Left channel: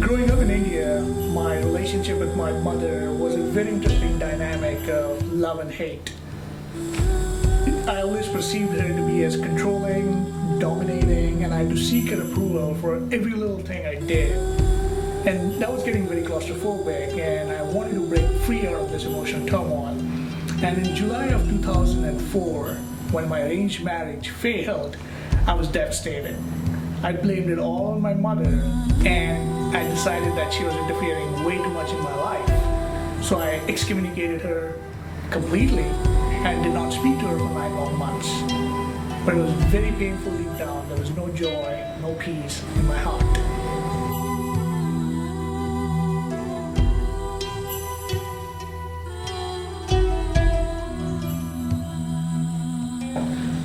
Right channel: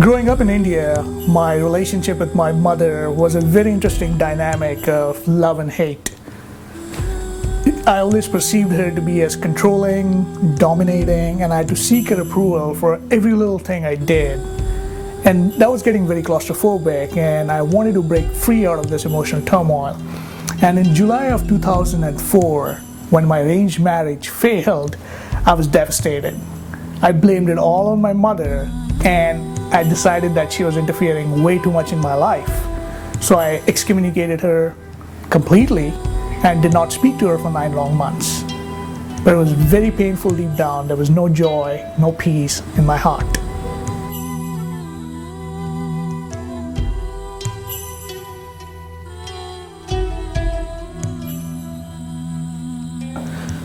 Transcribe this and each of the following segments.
Growing up in India, my relationship with my mother was a very interesting dynamic of love and hate. I always perceived her to be as controlling, dominating, and I had to seek her approval for every little thing I did. And that was getting very claustrophobic, and I wanted to break free out of this emotional turmoil. And in July of 2004, when my arranged marriage failed, I was devastated. I blamed it all on my mother, and I decided that she was interfering way too much in my life. So I excommunicated her completely and did not speak to her for 9 long months. But it was very painful deep down. There was no joy, no peace in my heart.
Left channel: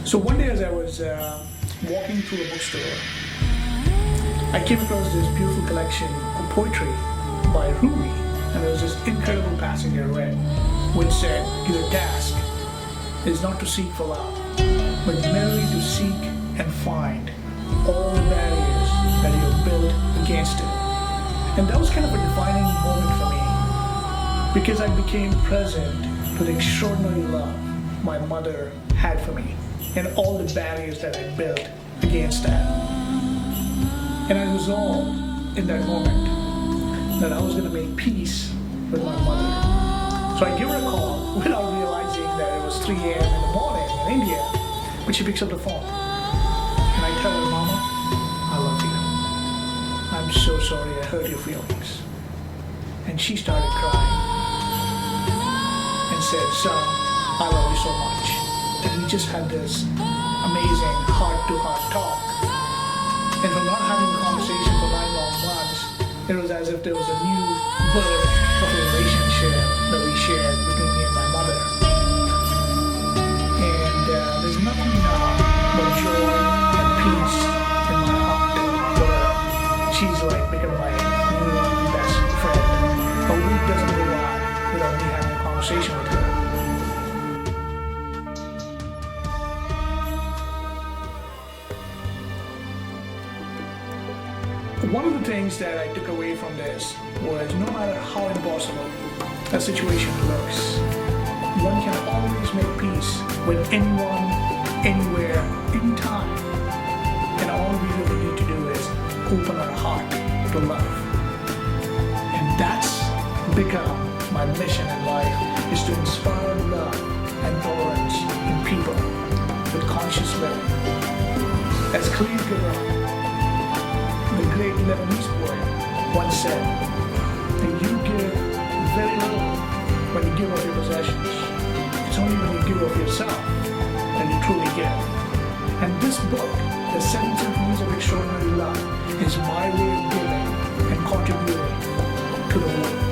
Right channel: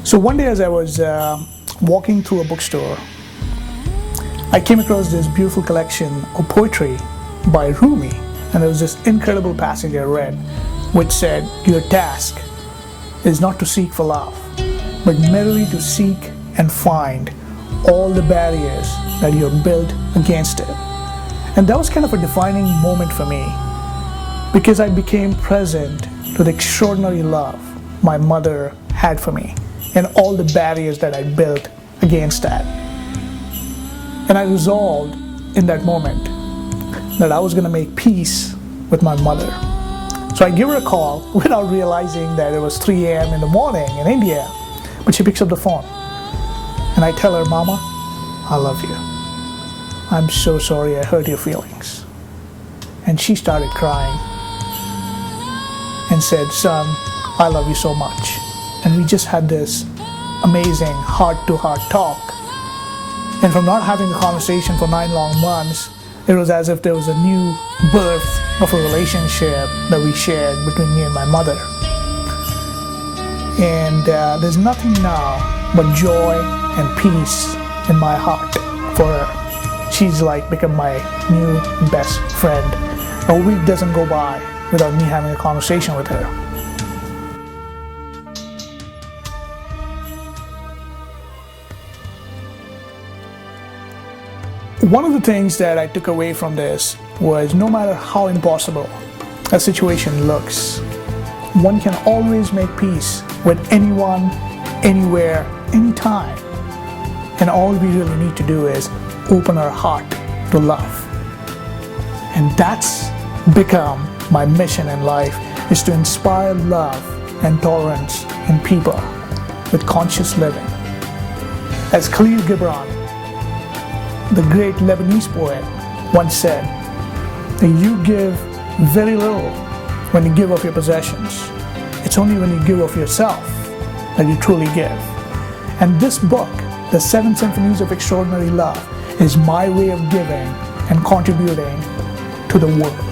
So one day as I was walking through a bookstore, I came across this beautiful collection of poetry by Rumi, and there was this incredible passage I read which said, "Your task is not to seek for love, but merely to seek and find all the barriers that you have built against it." And that was kind of a defining moment for me, because I became present to the extraordinary love my mother had for me and all the barriers that I built against that. And I resolved in that moment that I was going to make peace with my mother. So I give her a call without realizing that it was 3 a.m. in the morning in India. But she picks up the phone. And I tell her, "Mama, I love you. I'm so sorry I hurt your feelings." And she started crying and said, "Son, I love you so much." And we just had this amazing heart-to-heart talk. And from not having a conversation for 9 long months, it was as if there was a new birth of a relationship that we shared between me and my mother. And there's nothing now but joy and peace in my heart for her. She's like become my new best friend. A week doesn't go by without me having a conversation with her. One of the things that I took away from this was no matter how impossible a situation looks, one can always make peace with anyone, anywhere, anytime. And all we really need to do is open our heart to love. And that's become my mission in life, is to inspire love and tolerance in people with conscious living. As Khalil Gibran, the great Lebanese poet, once said, that you give very little when you give of your possessions. It's only when you give of yourself that you truly give. And this book, The 7 Symphonies of Extraordinary Love, is my way of giving and contributing to the world.